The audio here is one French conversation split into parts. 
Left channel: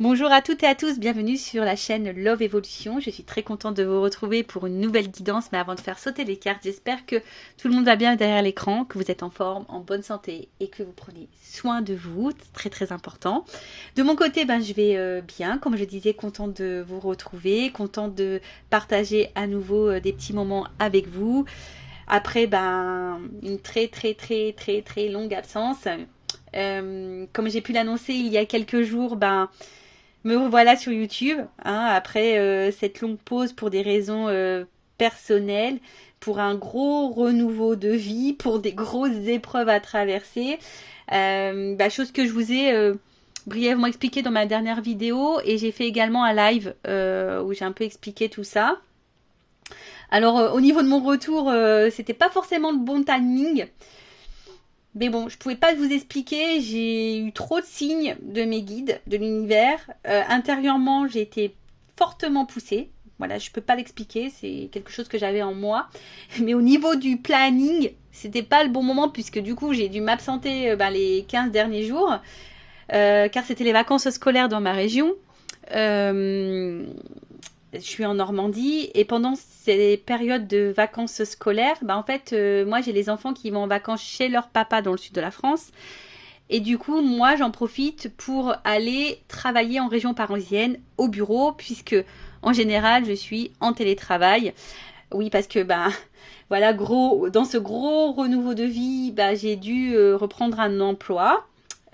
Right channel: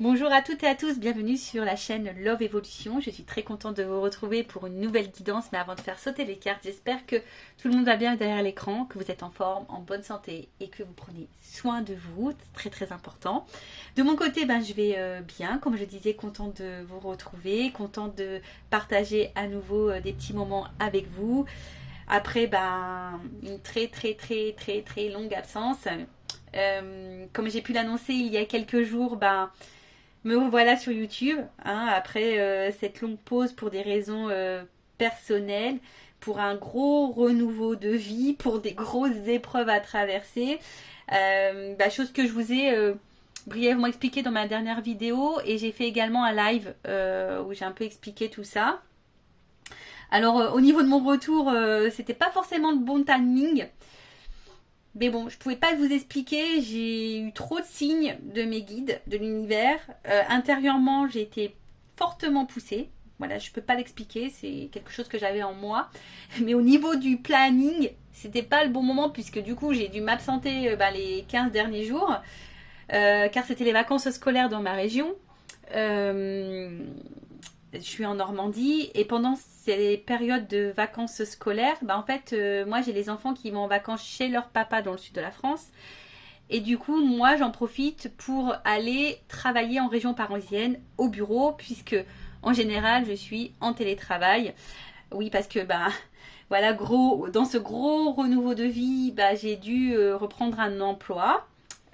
Bonjour à toutes et à tous, bienvenue sur la chaîne Love Evolution. Je suis très contente de vous retrouver pour une nouvelle guidance, mais avant de faire sauter les cartes, j'espère que tout le monde va bien derrière l'écran, que vous êtes en forme, en bonne santé et que vous prenez soin de vous, très très important. De mon côté, je vais bien, comme je disais, contente de vous retrouver, contente de partager à nouveau des petits moments avec vous. Après une très longue absence. Comme j'ai pu l'annoncer il y a quelques jours, me revoilà sur YouTube, après cette longue pause pour des raisons personnelles, pour un gros renouveau de vie, pour des grosses épreuves à traverser. Chose que je vous ai brièvement expliqué dans ma dernière vidéo, et j'ai fait également un live où j'ai un peu expliqué tout ça. Alors au niveau de mon retour, c'était pas forcément le bon timing. Mais bon, je pouvais pas vous expliquer, j'ai eu trop de signes de mes guides, de l'univers. Intérieurement, j'ai été fortement poussée. Voilà, je peux pas l'expliquer, c'est quelque chose que j'avais en moi. Mais au niveau du planning, c'était pas le bon moment puisque du coup, j'ai dû m'absenter les 15 derniers jours. Car c'était les vacances scolaires dans ma région. Je suis en Normandie et pendant ces périodes de vacances scolaires, moi j'ai les enfants qui vont en vacances chez leur papa dans le sud de la France et du coup moi j'en profite pour aller travailler en région parisienne au bureau puisque en général je suis en télétravail. Oui, parce que voilà, dans ce gros renouveau de vie, j'ai dû reprendre un emploi.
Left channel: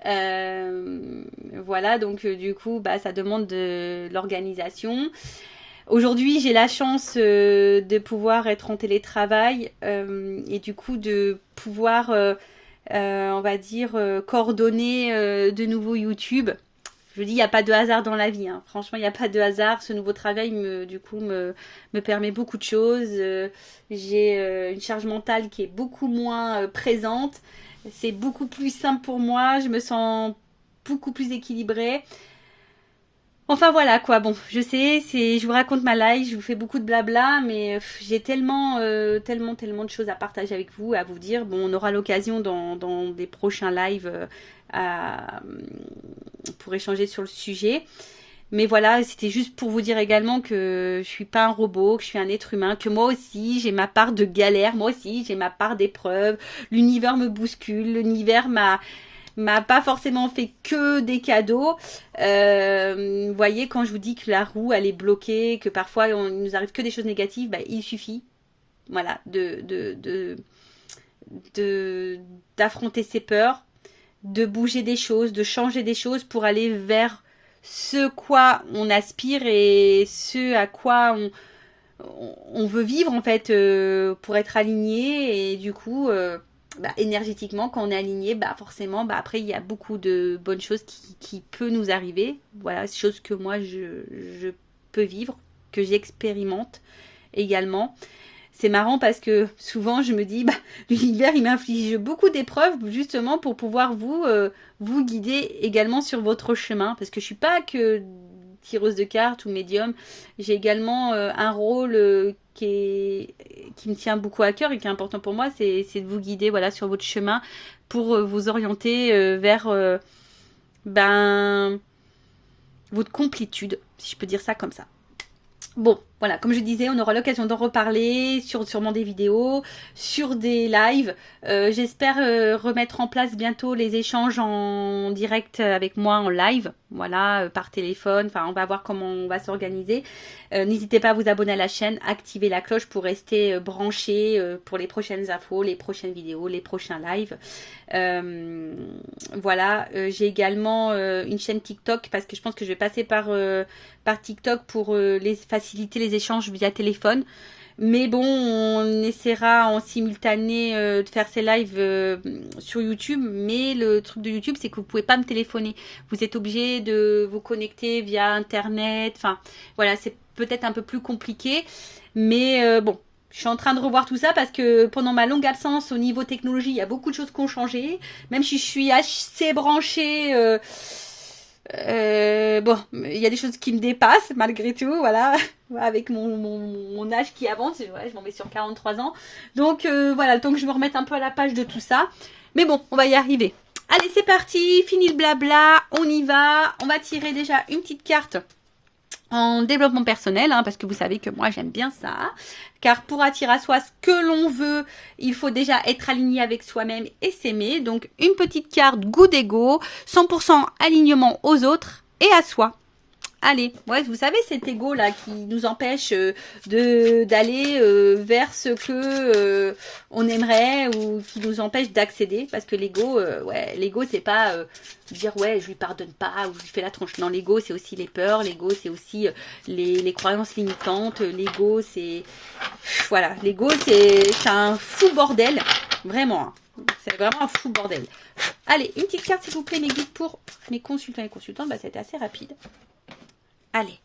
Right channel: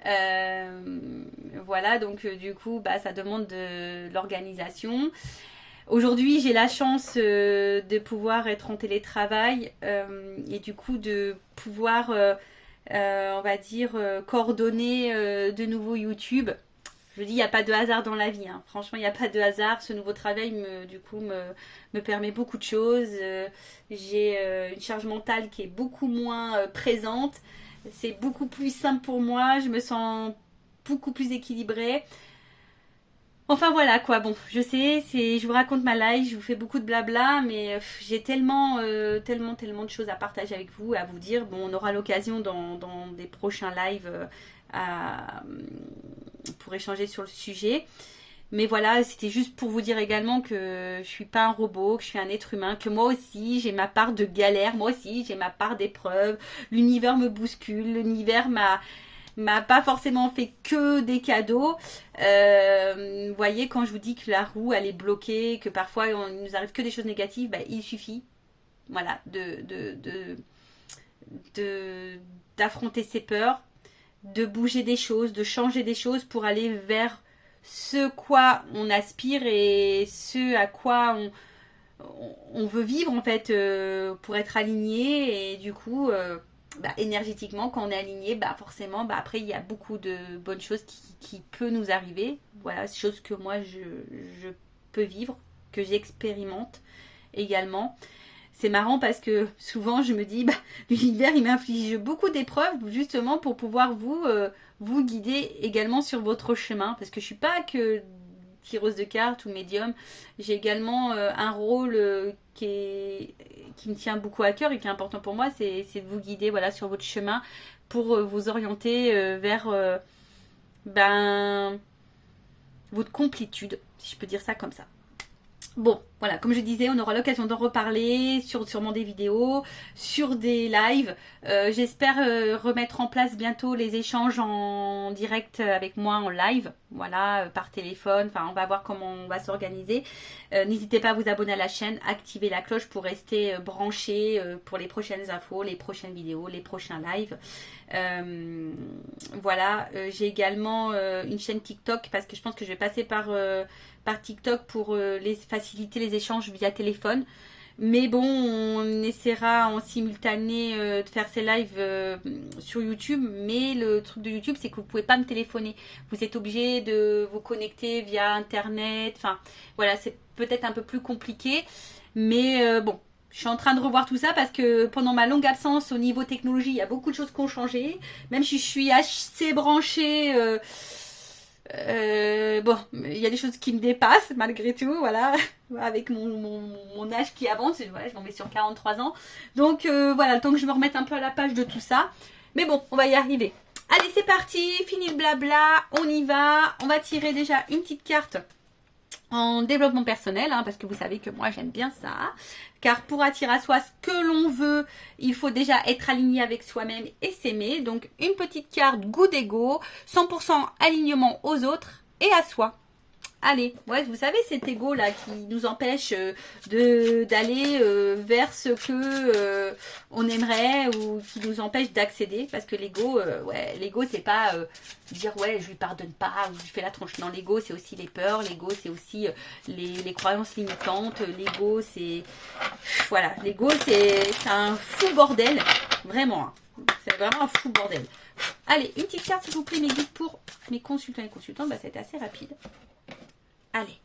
Voilà, donc du coup ça demande de l'organisation. Aujourd'hui, j'ai la chance de pouvoir être en télétravail et du coup de pouvoir, on va dire, coordonner de nouveau YouTube. Je vous dis, il n'y a pas de hasard dans la vie. Franchement, il n'y a pas de hasard. Ce nouveau travail, me permet beaucoup de choses. J'ai une charge mentale qui est beaucoup moins présente. C'est beaucoup plus simple pour moi. Je me sens beaucoup plus équilibrée. Enfin voilà quoi, bon, je sais, je vous raconte ma life, je vous fais beaucoup de blabla, mais j'ai tellement de choses à partager avec vous, à vous dire. Bon, on aura l'occasion dans des prochains lives pour échanger sur le sujet. Mais voilà, c'était juste pour vous dire également que je suis pas un robot, que je suis un être humain, que moi aussi j'ai ma part de galère, moi aussi j'ai ma part d'épreuves. L'univers me bouscule, l'univers m'a pas forcément fait que des cadeaux. Vous voyez, quand je vous dis que la roue elle est bloquée, que parfois il nous arrive que des choses négatives, il suffit, voilà, d'affronter ses peurs, de bouger des choses, de changer des choses pour aller vers ce quoi on aspire et ce à quoi on veut vivre en fait, pour être aligné. Et du coup énergétiquement, quand on est aligné, forcément, après, il y a beaucoup de bonnes choses qui peuvent nous arriver. Voilà, c'est choses que moi, je peux vivre, que j'expérimente également. C'est marrant parce que souvent, je me dis, l'univers, il m'inflige beaucoup d'épreuves justement pour pouvoir vous guider également sur votre chemin. Parce que je suis pas que tireuse de cartes ou médium. J'ai également un rôle qui me tient beaucoup à cœur et qui est important pour moi, c'est de vous guider, voilà, sur votre chemin pour vous orienter vers votre complétude, si je peux dire ça comme ça. Bon, voilà, comme je disais, on aura l'occasion d'en reparler sur sûrement des vidéos, sur des lives. J'espère remettre en place bientôt les échanges en direct avec moi en live, voilà, par téléphone. Enfin, on va voir comment on va s'organiser. N'hésitez pas à vous abonner à la chaîne, activer la cloche pour rester branché pour les prochaines infos, les prochaines vidéos, les prochains lives. Voilà, j'ai également une chaîne TikTok parce que je pense que je vais passer par TikTok pour faciliter les échanges via téléphone. Mais bon, on essaiera en simultané de faire ces lives sur YouTube. Mais le truc de YouTube, c'est que vous ne pouvez pas me téléphoner. Vous êtes obligé de vous connecter via Internet. Enfin, voilà, c'est peut-être un peu plus compliqué. Mais bon, je suis en train de revoir tout ça parce que pendant ma longue absence au niveau technologie, il y a beaucoup de choses qui ont changé. Même si je suis assez branchée... bon, il y a des choses qui me dépassent malgré tout, voilà, avec mon âge qui avance, ouais, je m'en mets sur 43 ans. Donc voilà, le temps que je me remette un peu à la page de tout ça. Mais bon, on va y arriver. Allez, c'est parti, fini le blabla, on y va. On va tirer déjà une petite carte en développement personnel, hein, parce que vous savez que moi j'aime bien ça. Car pour attirer à soi ce que l'on veut, il faut déjà être aligné avec soi-même et s'aimer. Donc une petite carte good ego, 100% alignement aux autres et à soi. Allez, ouais, vous savez cet ego là qui nous empêche d'aller vers ce que on aimerait ou qui nous empêche d'accéder, parce que l'ego, ouais, l'ego c'est pas dire ouais je lui pardonne pas ou je lui fais la tronche. Non, l'ego c'est aussi les peurs, l'ego c'est aussi les croyances limitantes, l'ego c'est voilà, l'ego c'est un fou bordel, vraiment, hein. C'est vraiment un fou bordel. Allez, une petite carte s'il vous plaît mes guides pour mes consultants et consultantes, bah c'était assez rapide. Allez,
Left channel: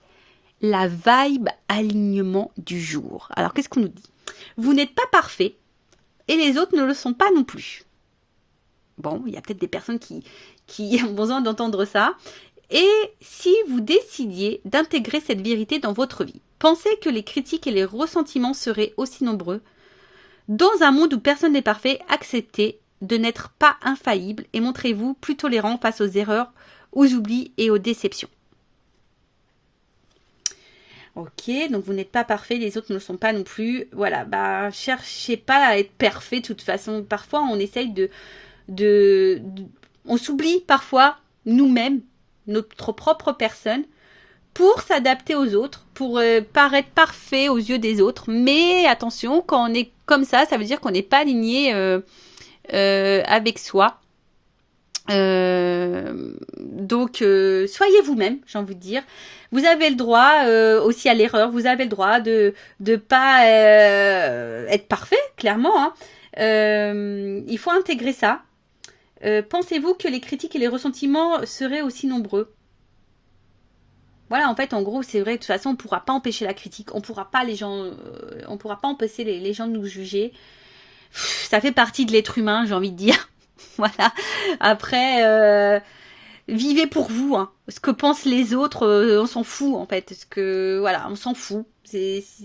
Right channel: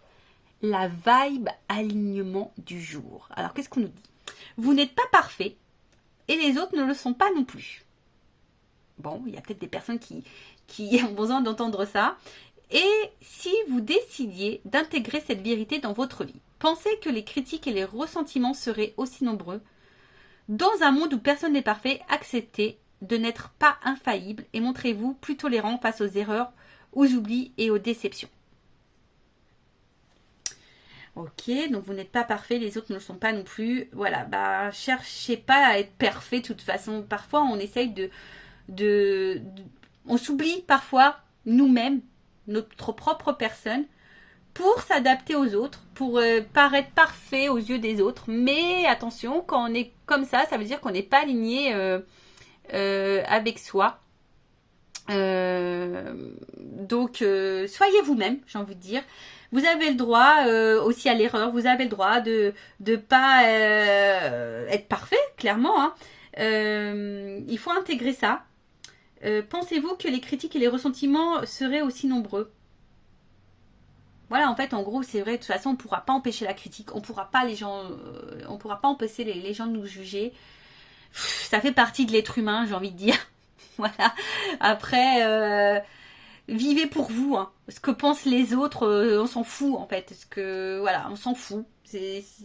la vibe alignement du jour. Alors, qu'est-ce qu'on nous dit? Vous n'êtes pas parfait et les autres ne le sont pas non plus. Bon, il y a peut-être des personnes qui ont besoin d'entendre ça. Et si vous décidiez d'intégrer cette vérité dans votre vie, pensez que les critiques et les ressentiments seraient aussi nombreux. Dans un monde où personne n'est parfait, acceptez de n'être pas infaillible et montrez-vous plus tolérant face aux erreurs, aux oublis et aux déceptions. Ok, donc vous n'êtes pas parfait, les autres ne le sont pas non plus. Voilà, bah cherchez pas à être parfait de toute façon. Parfois, on essaye on s'oublie parfois nous-mêmes, notre propre personne, pour s'adapter aux autres, pour paraître parfait aux yeux des autres. Mais attention, quand on est comme ça veut dire qu'on n'est pas aligné avec soi. Donc, soyez vous-même, j'ai envie de dire. Vous avez le droit aussi à l'erreur. Vous avez le droit de pas être parfait, clairement. Hein. Il faut intégrer ça. Pensez-vous que les critiques et les ressentiments seraient aussi nombreux? Voilà, en fait, en gros, c'est vrai. De toute façon, on ne pourra pas empêcher la critique. On pourra pas on pourra pas empêcher les gens de nous juger. Ça fait partie de l'être humain, j'ai envie de dire. Voilà. Après, vivez pour vous. Hein. Ce que pensent les autres, on s'en fout en fait. Voilà, on s'en fout.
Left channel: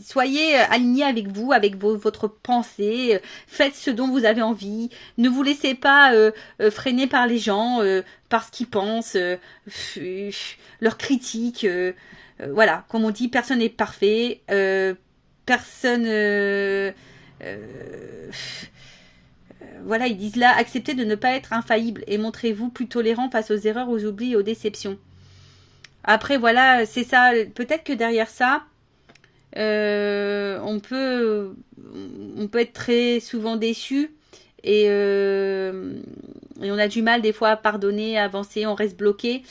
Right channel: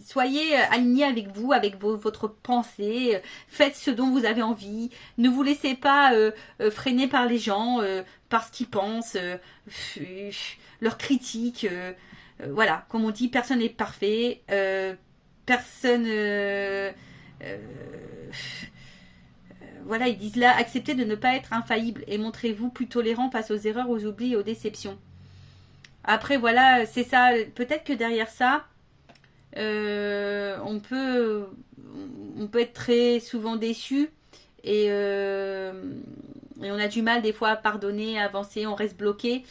Soyez alignés avec vous, avec votre pensée. Faites ce dont vous avez envie. Ne vous laissez pas freiner par les gens, par ce qu'ils pensent, leurs critiques. Voilà, comme on dit, personne n'est parfait. Personne. Voilà, ils disent là, acceptez de ne pas être infaillible et montrez-vous plus tolérant face aux erreurs, aux oublis et aux déceptions. Après, voilà, c'est ça. Peut-être que derrière ça, on peut être très souvent déçu et on a du mal des fois à pardonner, à avancer, on reste bloqué.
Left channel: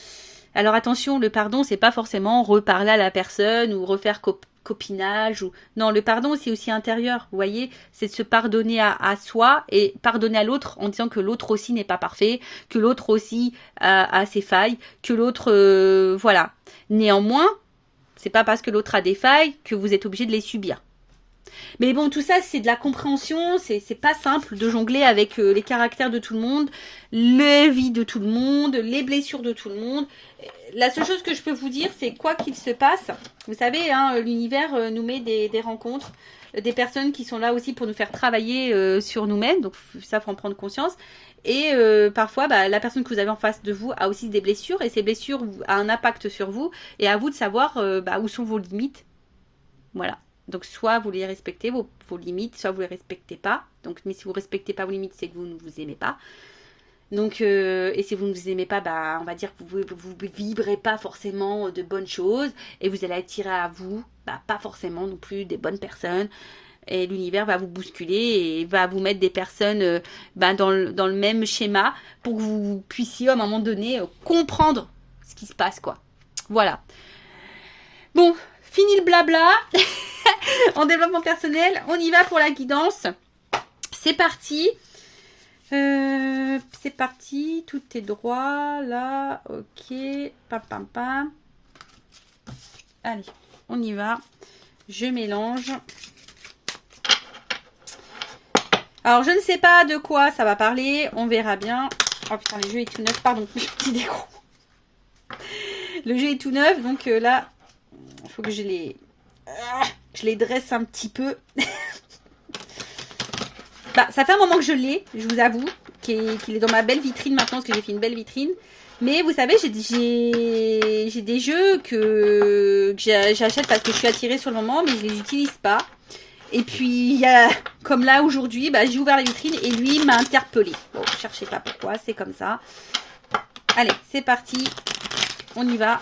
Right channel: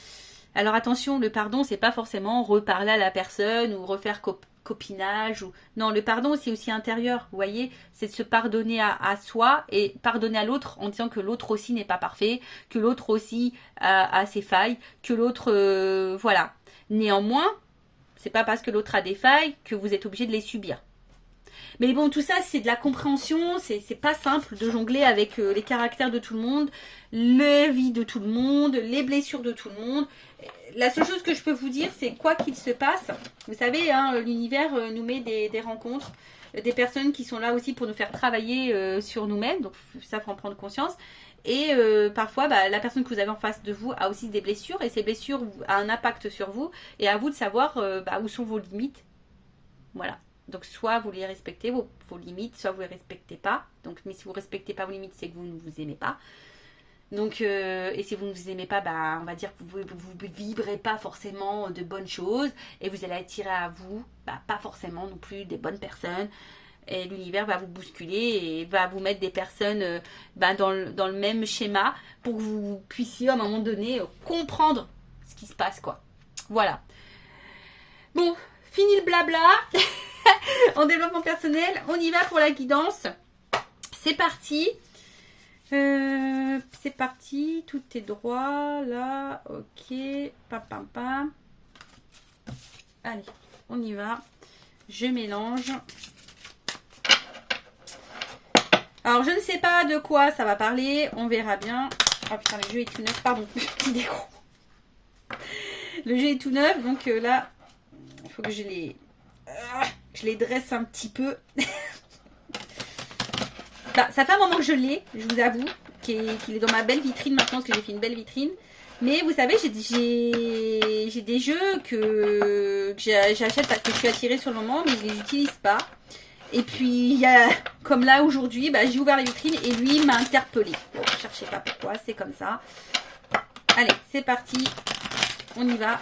Alors attention, le pardon, c'est pas forcément reparler à la personne ou refaire copinage. Non, le pardon, c'est aussi intérieur, vous voyez, c'est de se pardonner à soi et pardonner à l'autre en disant que l'autre aussi n'est pas parfait, que l'autre aussi a ses failles, que l'autre, voilà. Néanmoins, c'est pas parce que l'autre a des failles que vous êtes obligé de les subir. Mais bon, tout ça, c'est de la compréhension, c'est pas simple de jongler avec les caractères de tout le monde, les vies de tout le monde, les blessures de tout le monde. La seule chose que je peux vous dire, c'est quoi qu'il se passe, vous savez, hein, l'univers nous met des rencontres, des personnes qui sont là aussi pour nous faire travailler sur nous-mêmes, donc ça, faut en prendre conscience. Et parfois, bah, la personne que vous avez en face de vous a aussi des blessures, et ces blessures ont un impact sur vous, et à vous de savoir où sont vos limites. Voilà. Donc, soit vous les respectez, vos limites, soit vous les respectez pas. Donc, mais si vous respectez pas vos limites, c'est que vous ne vous aimez pas. Donc, et si vous ne vous aimez pas, bah, on va dire que vous vibrez pas forcément de bonnes choses. Et vous allez attirer à vous, bah, pas forcément non plus des bonnes personnes. Et l'univers va vous bousculer et va vous mettre des personnes dans le même schéma pour que vous puissiez, à un moment donné, comprendre ce qui se passe, quoi. Voilà. Bon, fini le blabla. En développement personnel, on y va pour la guidance. C'est parti. C'est parti. Tout est droit. Là, ok. Pam, pam, pam. Allez, on y va. Je mélange. Alors, je ne sais pas de quoi ça va parler. On verra bien. Oh putain, le jeu est tout neuf. Pardon, petit décro. Le jeu est tout neuf. Donc là, il faut que je les dresse un petit peu. Bah, ça fait un moment que je l'ai, je vous avoue. qu'il est dans ma belle vitrine maintenant, parce que j'ai fait une belle vitrine. Mais vous savez, j'ai des jeux que j'achète parce que je suis attirée sur le moment, mais je les utilise pas. Et puis, il y a, comme là aujourd'hui, bah, j'ai ouvert la vitrine et lui m'a interpellée. Bon, ne cherchez pas pourquoi, c'est comme ça. Allez, c'est parti. On y va.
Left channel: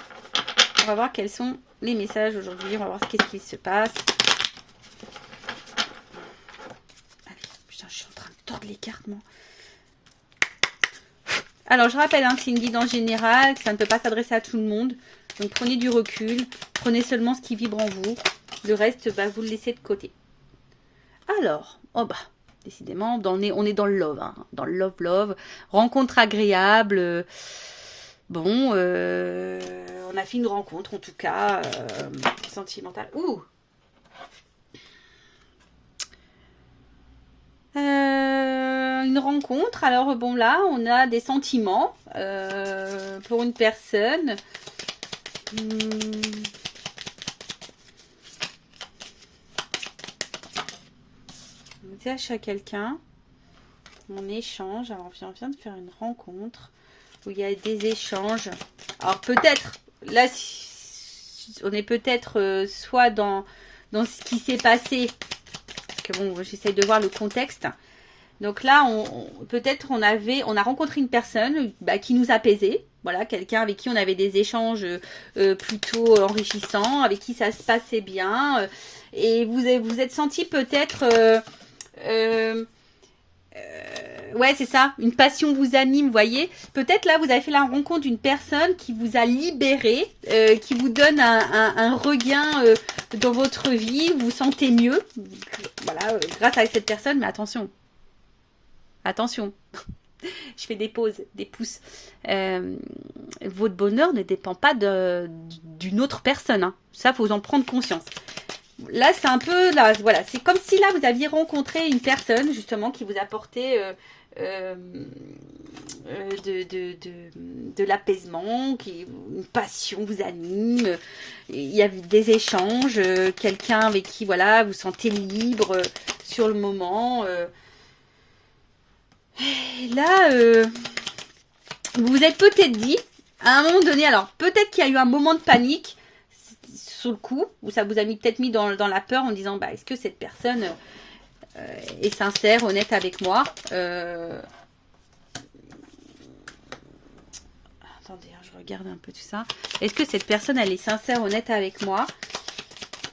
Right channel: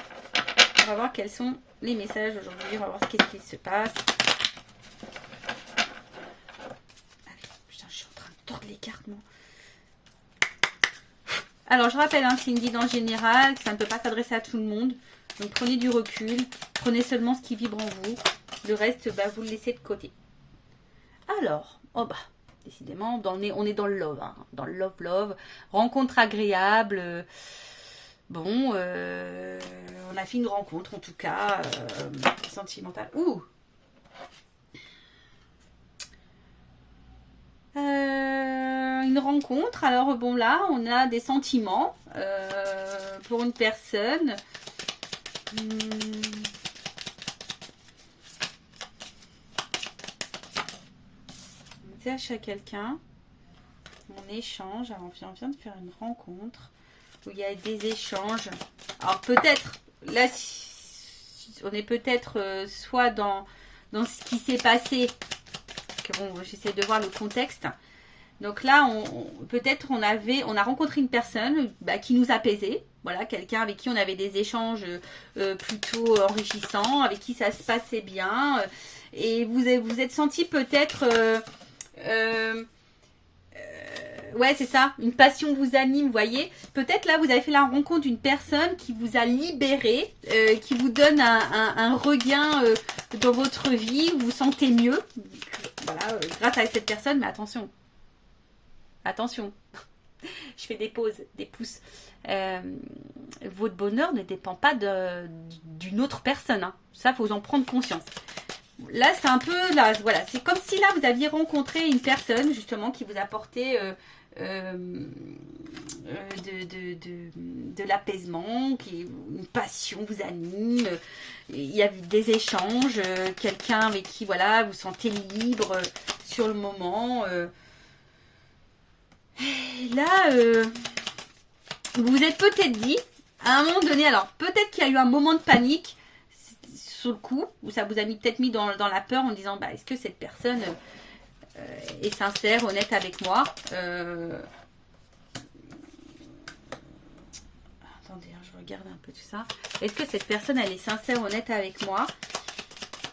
On va voir quels sont les messages aujourd'hui. On va voir qu'est-ce qui se passe. Allez, putain, je suis en train de tordre les cartes, moi. Alors, je rappelle, hein, c'est une guide en général, ça ne peut pas s'adresser à tout le monde. Donc, prenez du recul. Prenez seulement ce qui vibre en vous. Le reste, bah, vous le laissez de côté. Alors, oh bah, décidément, on est dans le love. Hein, dans le love. Rencontre agréable. Bon, on a fait une rencontre, en tout cas, sentimentale. Ouh! Une rencontre, alors bon là on a des sentiments pour une personne. On attache à quelqu'un, on échange, alors on vient de faire une rencontre où il y a des échanges. Alors peut-être, là on est peut-être soit dans ce qui s'est passé, que bon, j'essaie de voir le contexte. Donc là, peut-être on a rencontré une personne qui nous apaisait. Voilà, quelqu'un avec qui on avait des échanges plutôt enrichissants, avec qui ça se passait bien. Et vous êtes senti peut-être... ouais, c'est ça, une passion vous anime, vous voyez. Peut-être là, vous avez fait la rencontre d'une personne qui vous a libéré, qui vous donne un regain dans votre vie, vous vous sentez mieux. Voilà, grâce à cette personne, mais attention. Attention, je fais des pauses, des pouces. Votre bonheur ne dépend pas d'une autre personne. Hein. Ça, il faut en prendre conscience. Là, c'est un peu... Là, voilà, c'est comme si là, vous aviez rencontré une personne, justement, qui vous apportait de l'apaisement, une passion vous anime. Il y a des échanges, quelqu'un avec qui, voilà, vous sentez libre sur le moment. Et là, vous vous êtes peut-être dit, à un moment donné, alors peut-être qu'il y a eu un moment de panique sur le coup, où ça vous a peut-être mis dans la peur en disant, bah, est-ce que cette personne est sincère, honnête avec moi Attendez, hein, je regarde un peu tout ça. Est-ce que cette personne, elle est sincère, honnête avec moi?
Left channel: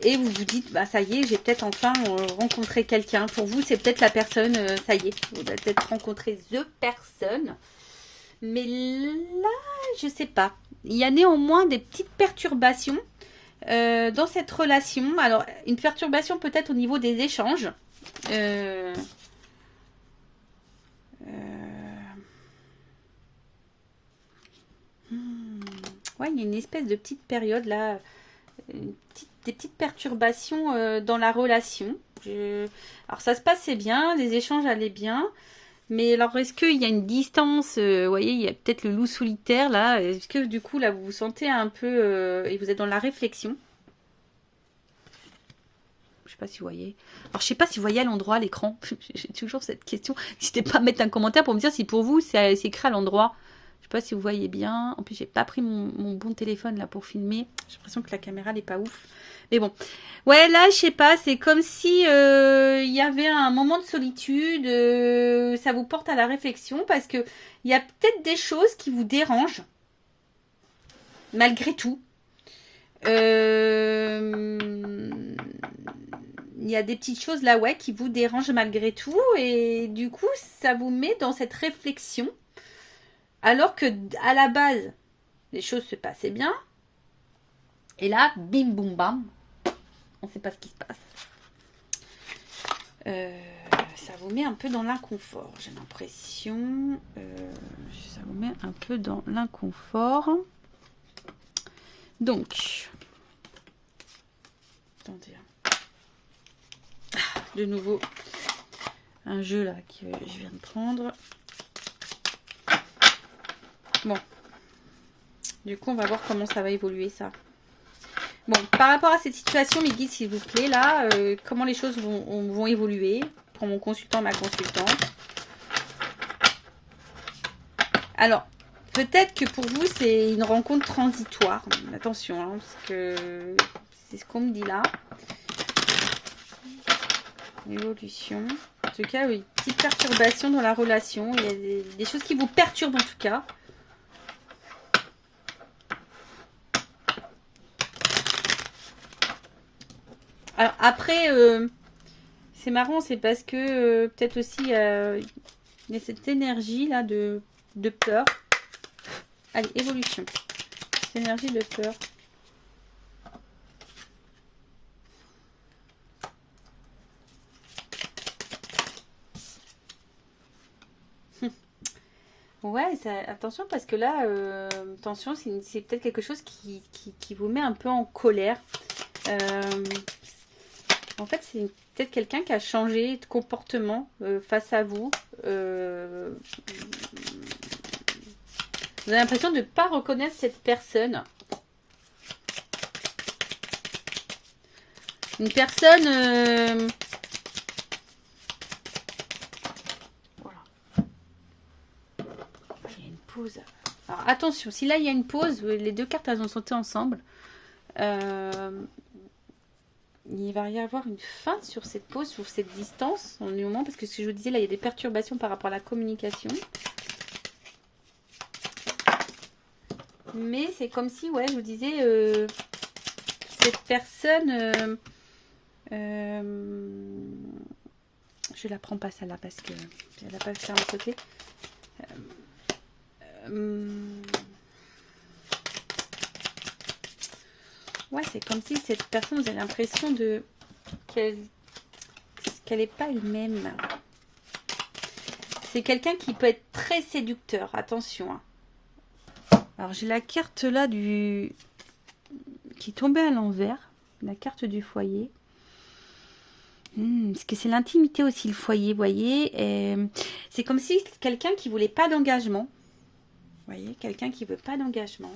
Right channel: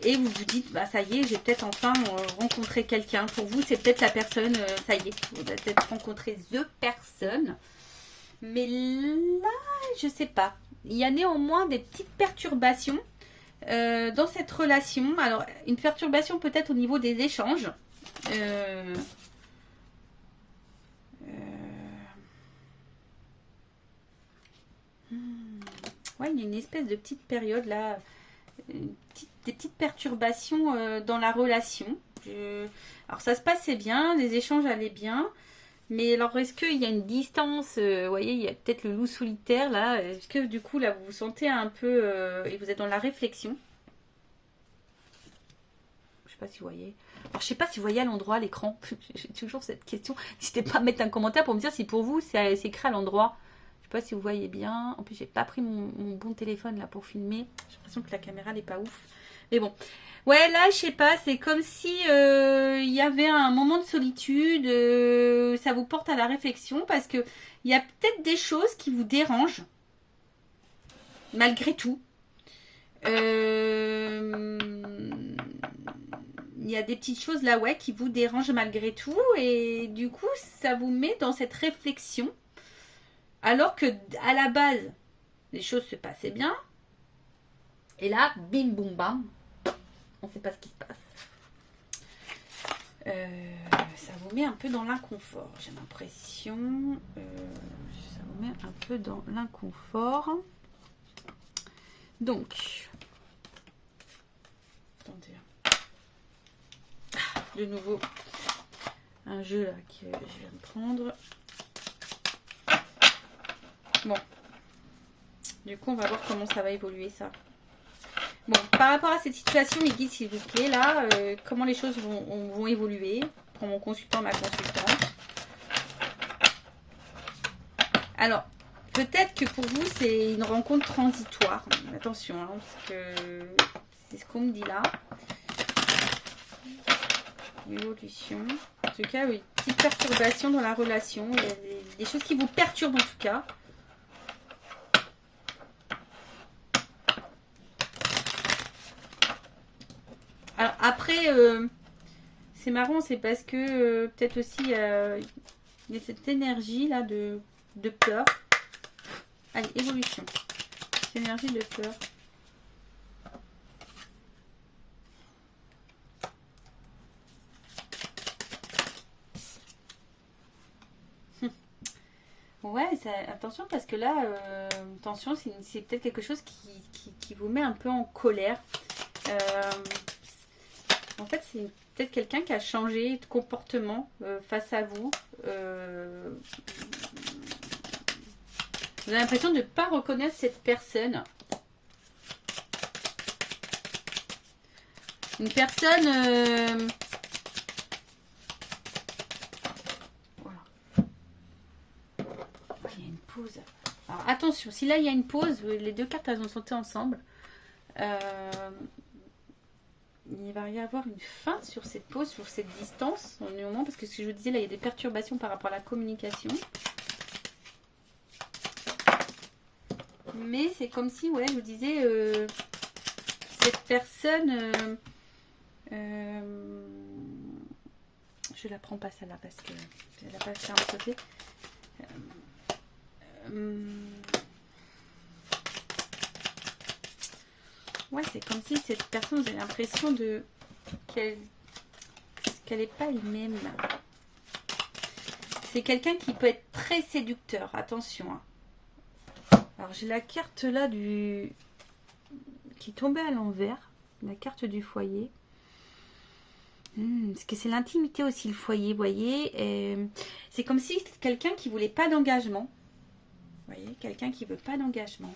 Et vous vous dites, bah ça y est, j'ai peut-être enfin rencontré quelqu'un. Pour vous, c'est peut-être la personne, ça y est, vous avez peut-être rencontré the personne. Mais là, je sais pas. Il y a néanmoins des petites perturbations dans cette relation. Alors, une perturbation peut-être au niveau des échanges. Ouais, il y a une espèce de petite période là, des petites perturbations dans la relation. Alors ça se passait bien, les échanges allaient bien, mais alors est-ce qu'il y a une distance, vous voyez, il y a peut-être le loup solitaire là, est-ce que du coup là vous vous sentez un peu, et vous êtes dans la réflexion? Je sais pas si vous voyez. Alors je sais pas si vous voyez à l'endroit à l'écran, j'ai toujours cette question, n'hésitez pas à mettre un commentaire pour me dire si pour vous c'est écrit à l'endroit. Je sais pas si vous voyez bien. En plus, j'ai pas pris mon bon téléphone là pour filmer. J'ai l'impression que la caméra n'est pas ouf. Mais bon. Ouais, là, je sais pas. C'est comme si il y avait un moment de solitude. Ça vous porte à la réflexion parce que il y a peut-être des choses qui vous dérangent. Malgré tout. Il y a des petites choses là, ouais, qui vous dérangent malgré tout. Et du coup, ça vous met dans cette réflexion. Alors que à la base, les choses se passaient bien. Et là, bim, boum, bam. On ne sait pas ce qui se passe. Ça vous met un peu dans l'inconfort, j'ai l'impression. Ça vous met un peu dans l'inconfort. Donc, attendez. De nouveau, un jeu là que je viens de prendre. Bon, du coup, on va voir comment ça va évoluer, ça. Bon, par rapport à cette situation, mes guides, s'il vous plaît, là, comment les choses vont évoluer pour mon consultant, ma consultante. Alors, peut-être que pour vous, c'est une rencontre transitoire. Attention, hein, parce que c'est ce qu'on me dit là. Évolution. En tout cas, oui, petite perturbation dans la relation. Il y a des choses qui vous perturbent en tout cas. Alors après, c'est marrant, c'est parce que peut-être aussi il y a cette énergie là de peur. Allez, évolution. Cette énergie de peur. Ouais, ça, attention parce que là, attention, c'est peut-être quelque chose qui vous met un peu en colère. En fait, c'est peut-être quelqu'un qui a changé de comportement face à vous. Vous avez l'impression de ne pas reconnaître cette personne. Une personne... Voilà. Il y a une pause. Alors attention, si là il y a une pause, les deux cartes elles ont sauté ensemble. Il va y avoir une fin sur cette pause, sur cette distance, en un moment, parce que ce que je vous disais, là, il y a des perturbations par rapport à la communication. Mais c'est comme si, ouais, je vous disais, cette personne, je la prends pas celle-là, parce que elle n'a pas fait un côté. Ouais, c'est comme si cette personne, vous avez l'impression de qu'elle n'est pas elle-même. C'est quelqu'un qui peut être très séducteur, attention. Hein. Alors j'ai la carte là qui tombait à l'envers, la carte du foyer. Parce que c'est l'intimité aussi, le foyer, vous voyez. C'est comme si c'était quelqu'un qui voulait pas d'engagement. Vous voyez, quelqu'un qui veut pas d'engagement.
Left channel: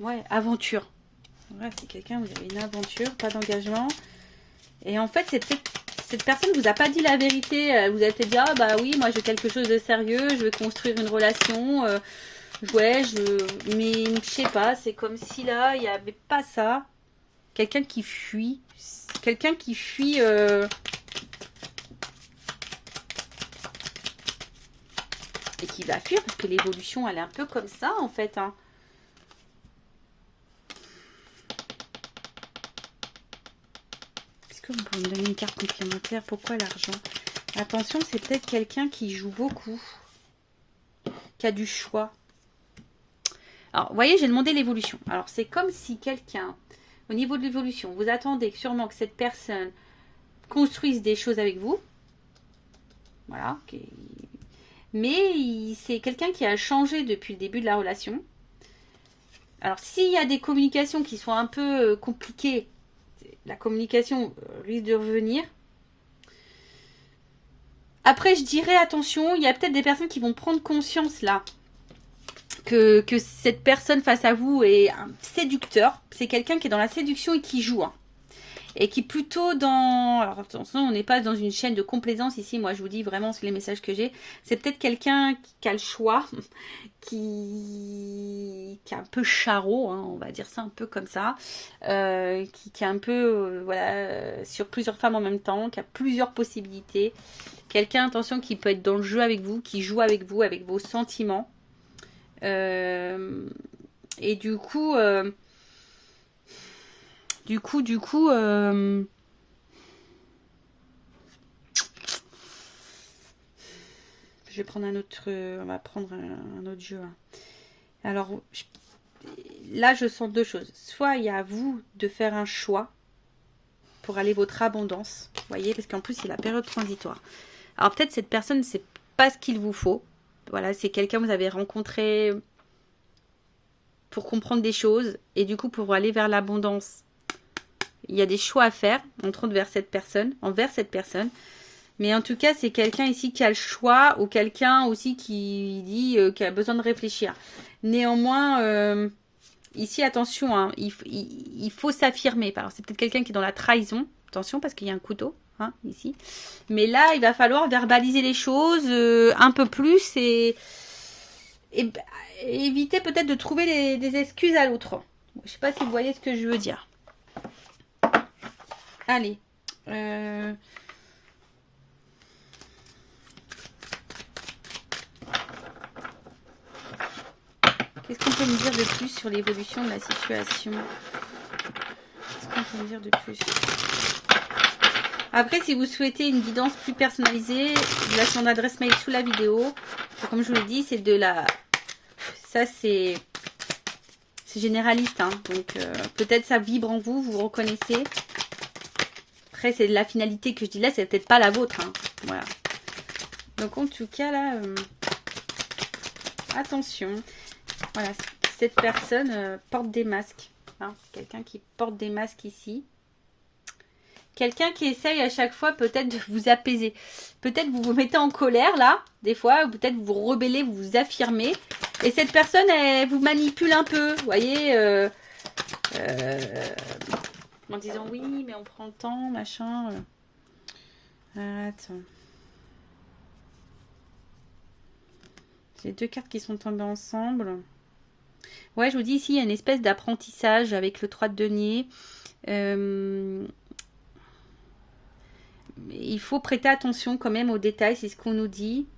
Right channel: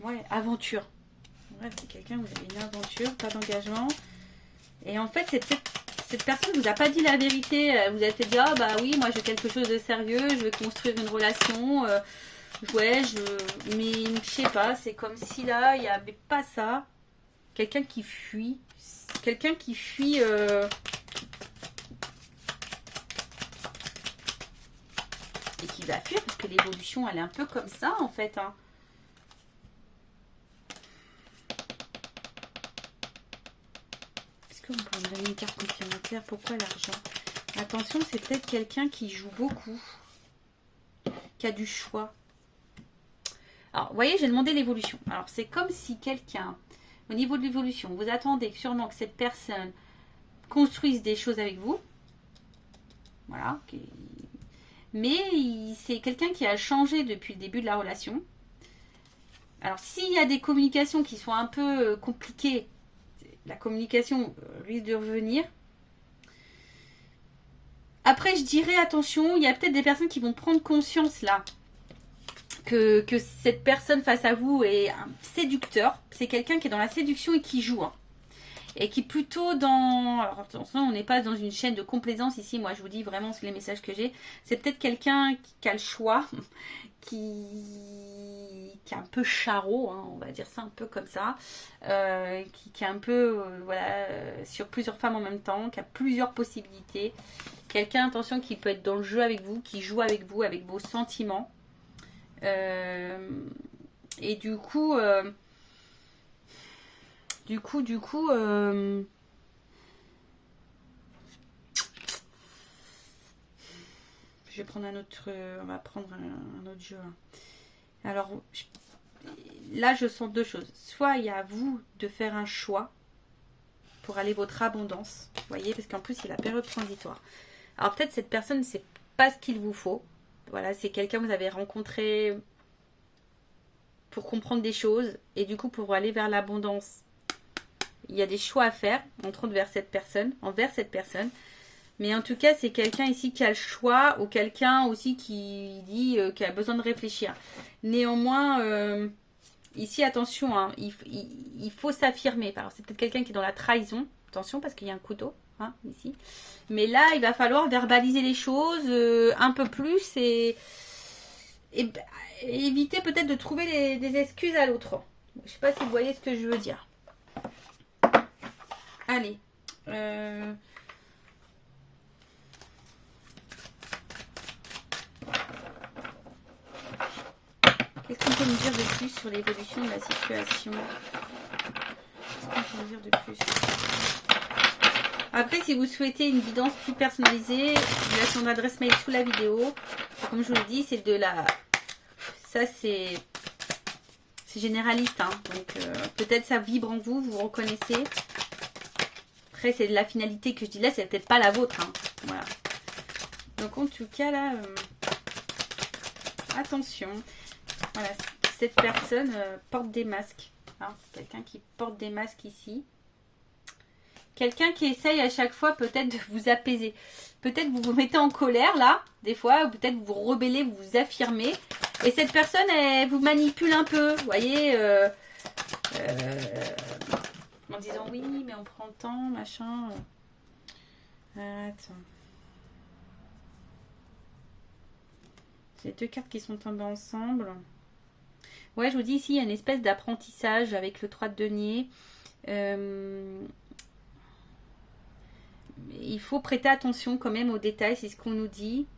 Ouais, aventure. Ouais, c'est quelqu'un, vous avez une aventure, pas d'engagement. Et en fait, cette personne ne vous a pas dit la vérité. Vous avez peut-être dit, ah bah oui, moi je veux quelque chose de sérieux, je veux construire une relation. Ouais, mais je sais pas, c'est comme si là, il n'y avait pas ça. Quelqu'un qui fuit. Quelqu'un qui fuit... et qui va fuir, parce que l'évolution, elle est un peu comme ça, en fait, hein. On peut me donner une carte complémentaire. Pourquoi l'argent? Attention, c'est peut-être quelqu'un qui joue beaucoup, qui a du choix. Alors, vous voyez, j'ai demandé l'évolution. Alors, c'est comme si quelqu'un, au niveau de l'évolution, vous attendez sûrement que cette personne construise des choses avec vous. Voilà. Mais c'est quelqu'un qui a changé depuis le début de la relation. Alors, s'il y a des communications qui sont un peu compliquées, la communication risque de revenir. Après, je dirais, attention, il y a peut-être des personnes qui vont prendre conscience là que cette personne face à vous est un séducteur. C'est quelqu'un qui est dans la séduction et qui joue. Hein. Et qui est plutôt dans... Alors attention, on n'est pas dans une chaîne de complaisance ici. Moi, je vous dis vraiment les messages que j'ai. C'est peut-être quelqu'un qui a le choix, qui est un peu charreau, hein, on va dire ça un peu comme ça. Qui est un peu voilà, sur plusieurs femmes en même temps, qui a plusieurs possibilités. Quelqu'un, attention, qui peut être dans le jeu avec vous, qui joue avec vous, avec vos sentiments. Et du coup... Du coup, je vais prendre un autre, on va prendre un autre jeu. Alors, là, je sens deux choses. Soit il y a à vous de faire un choix pour aller votre abondance, vous voyez, parce qu'en plus, c'est la période transitoire. Alors, peut-être cette personne, c'est pas ce qu'il vous faut. Voilà, c'est quelqu'un que vous avez rencontré pour comprendre des choses et du coup, pour aller vers l'abondance. Il y a des choix à faire, entre autres envers cette personne. Mais en tout cas, c'est quelqu'un ici qui a le choix ou quelqu'un aussi qui dit qu'il a besoin de réfléchir. Néanmoins, ici, attention, hein, il faut s'affirmer. Alors, c'est peut-être quelqu'un qui est dans la trahison. attention parce qu'il y a un couteau, hein, ici. Mais là, il va falloir verbaliser les choses un peu plus et éviter peut-être de trouver des excuses à l'autre. Je ne sais pas si vous voyez ce que je veux dire. Allez. Qu'est-ce qu'on peut me dire de plus sur l'évolution de la situation? Qu'est-ce qu'on peut me dire de plus? Après, si vous souhaitez une guidance plus personnalisée, je laisse mon adresse mail sous la vidéo. Comme je vous l'ai dit, c'est de la... Ça, c'est généraliste. Hein. Donc, peut-être ça vibre en vous, vous vous reconnaissez. Après, c'est de la finalité que je dis là, c'est peut-être pas la vôtre. Hein. Voilà. Donc, en tout cas, là... attention. Voilà, cette personne porte des masques. Hein. C'est quelqu'un qui porte des masques ici. Quelqu'un qui essaye à chaque fois peut-être de vous apaiser. Peut-être vous vous mettez en colère là, des fois, ou peut-être vous vous rebellez, vous vous affirmez. Et cette personne, elle vous manipule un peu, vous voyez, en disant oui, mais on prend le temps, machin. Attends. J'ai deux cartes qui sont tombées ensemble. Ouais, je vous dis ici, il y a une espèce d'apprentissage avec le 3 de denier. Il faut prêter attention quand même aux détails, c'est ce qu'on nous dit.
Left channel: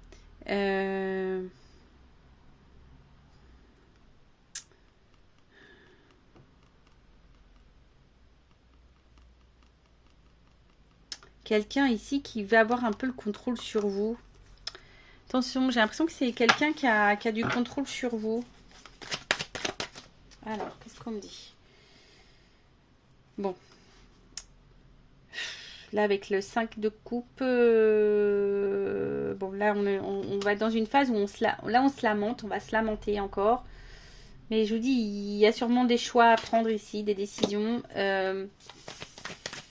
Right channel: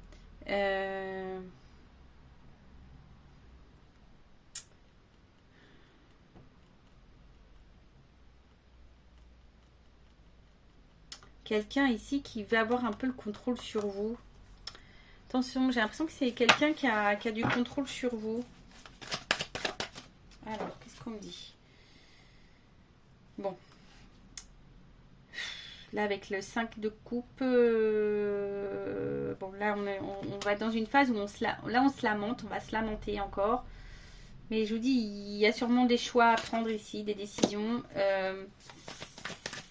Quelqu'un ici qui va avoir un peu le contrôle sur vous. Attention, j'ai l'impression que c'est quelqu'un qui a du contrôle sur vous. Alors, qu'est-ce qu'on me dit? Bon. Là, avec le 5 de coupe, bon, là, on va dans une phase où on se lamente, on va se lamenter encore. Mais je vous dis, il y a sûrement des choix à prendre ici, des décisions.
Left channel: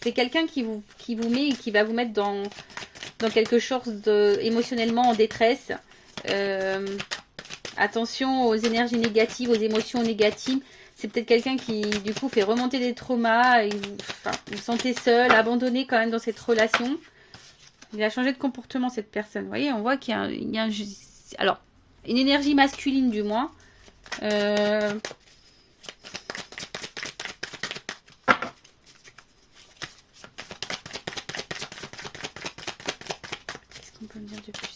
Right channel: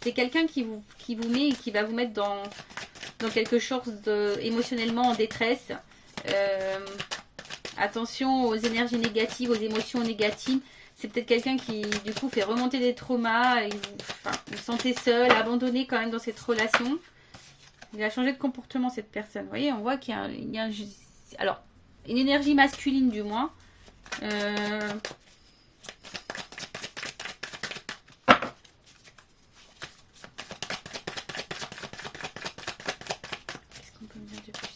C'est quelqu'un qui vous met et qui va vous mettre dans quelque chose émotionnellement en détresse. Attention aux énergies négatives, aux émotions négatives. C'est peut-être quelqu'un qui, du coup, fait remonter des traumas. Et vous vous sentez seul, abandonné quand même dans cette relation. Il a changé de comportement, cette personne. Vous voyez, on voit qu'il y a alors, une énergie masculine, du moins. Qu'est-ce qu'on peut me dire de plus?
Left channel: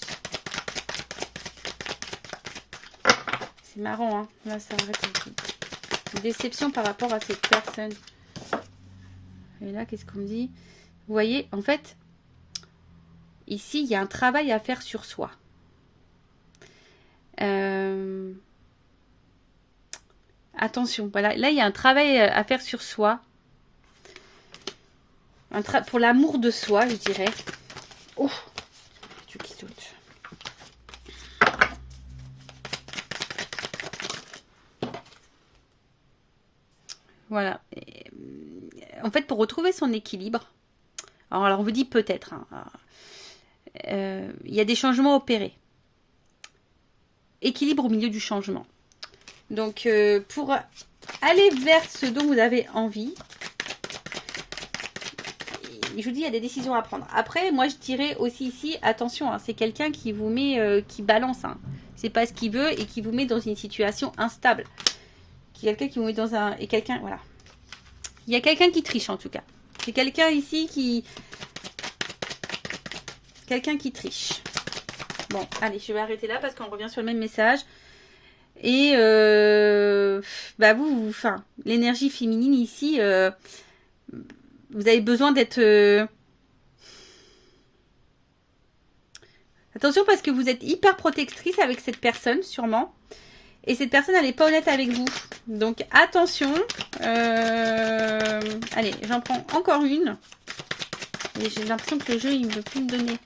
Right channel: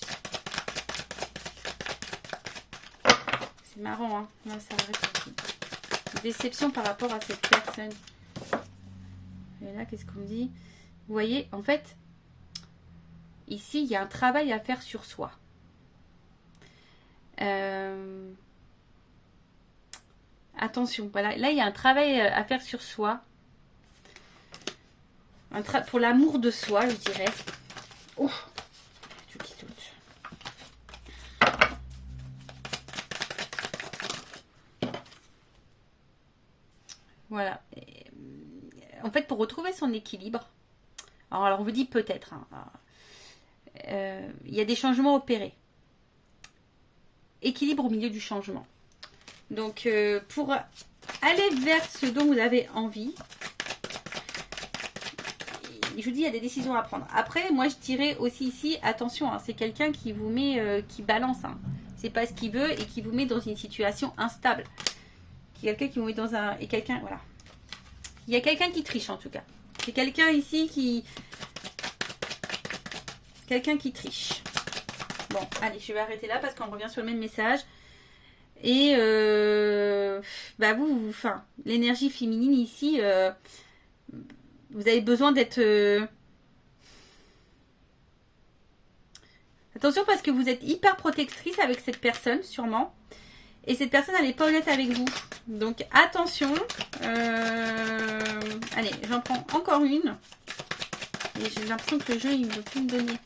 C'est marrant, hein. Là, ça arrête un peu. Déception par rapport à cette personne. Et là, qu'est-ce qu'on me dit? Vous voyez, en fait, ici, il y a un travail à faire sur soi. Attention, voilà. Là, il y a un travail à faire sur soi. Pour l'amour de soi, je dirais. Oh, qui saute. Voilà. En fait, pour retrouver son équilibre, alors on vous dit peut-être, hein, il y a des changements opérés. Équilibre au milieu du changement. Donc, pour aller vers ce dont vous avez envie, je vous dis, il y a des décisions à prendre. Après, moi, je dirais aussi ici, attention, hein, c'est quelqu'un qui vous met, qui balance. Hein. C'est pas ce qu'il veut et qui vous met dans une situation instable. Quelqu'un qui vous met dans un... Et quelqu'un, voilà. Il y a quelqu'un qui triche, en tout cas. C'est quelqu'un ici qui... Quelqu'un qui triche. Bon, allez, je vais arrêter là parce qu'on revient sur le même message. Et, bah vous, enfin, l'énergie féminine ici, vous avez besoin d'être... Attention parce que vous êtes hyper protectrice avec cette personne, sûrement. Et cette personne, elle n'est pas honnête avec vous. Donc, attention. Allez, j'en prends encore une. Et j'ai l'impression que le jeu, il ne veut plus me donner.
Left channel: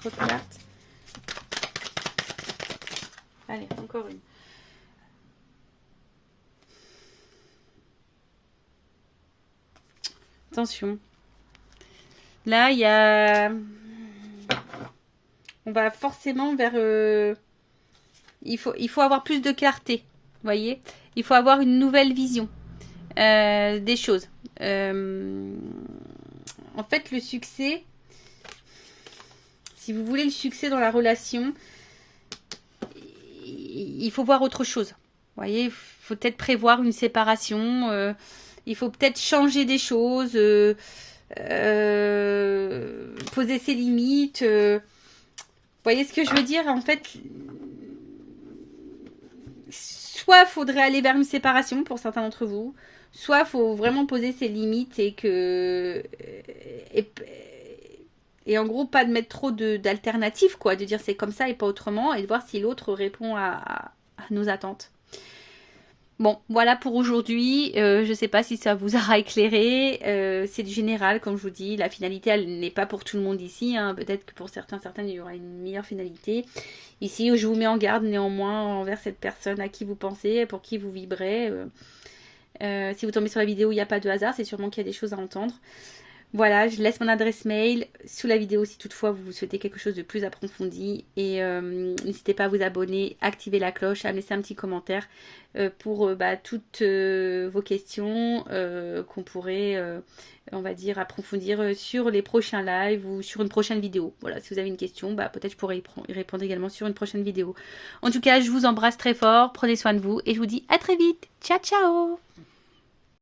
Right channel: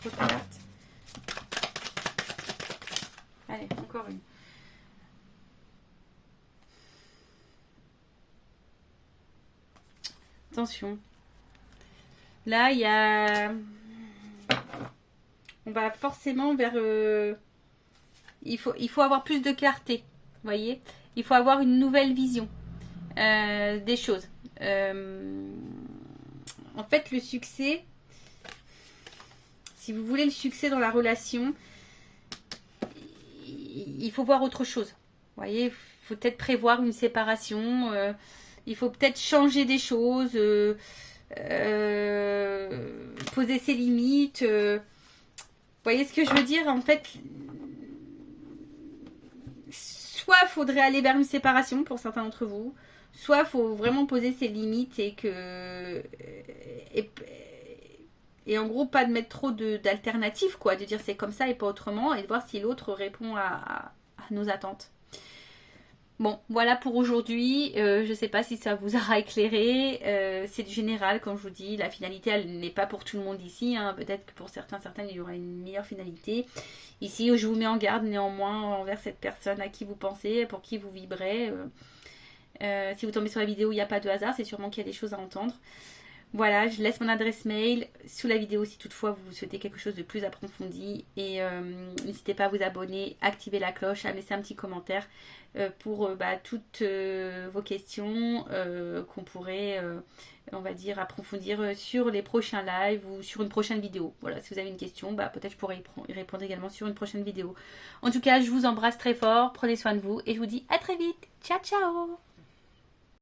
Trop plate. Allez, encore une. Attention. Là, il y a... On va forcément vers... Il faut avoir plus de clarté. Vous voyez? Il faut avoir une nouvelle vision des choses. en fait, le succès, si vous voulez le succès dans la relation, il faut voir autre chose. Vous voyez, il faut peut-être prévoir une séparation, il faut peut-être changer des choses, poser ses limites. Vous voyez ce que je veux dire? En fait, soit il faudrait aller vers une séparation pour certains d'entre vous, soit il faut vraiment poser ses limites et en gros pas de mettre trop d'alternatives, quoi, de dire c'est comme ça et pas autrement, et de voir si l'autre répond à nos attentes. Bon, voilà pour aujourd'hui. Je ne sais pas si ça vous aura éclairé. C'est du général, comme je vous dis. La finalité, elle n'est pas pour tout le monde ici. Hein. Peut-être que pour certains, il y aura une meilleure finalité. Ici, je vous mets en garde néanmoins envers cette personne à qui vous pensez, pour qui vous vibrez. Si vous tombez sur la vidéo, il n'y a pas de hasard. C'est sûrement qu'il y a des choses à entendre. Voilà, je laisse mon adresse mail sous la vidéo si toutefois vous souhaitez quelque chose de plus approfondi. Et n'hésitez pas à vous abonner, activer la cloche, à me laisser un petit commentaire pour toutes vos questions qu'on pourrait, on va dire, approfondir sur les prochains lives ou sur une prochaine vidéo. Voilà, si vous avez une question, peut-être je pourrais y répondre également sur une prochaine vidéo. En tout cas, je vous embrasse très fort, prenez soin de vous et je vous dis à très vite. Ciao, ciao!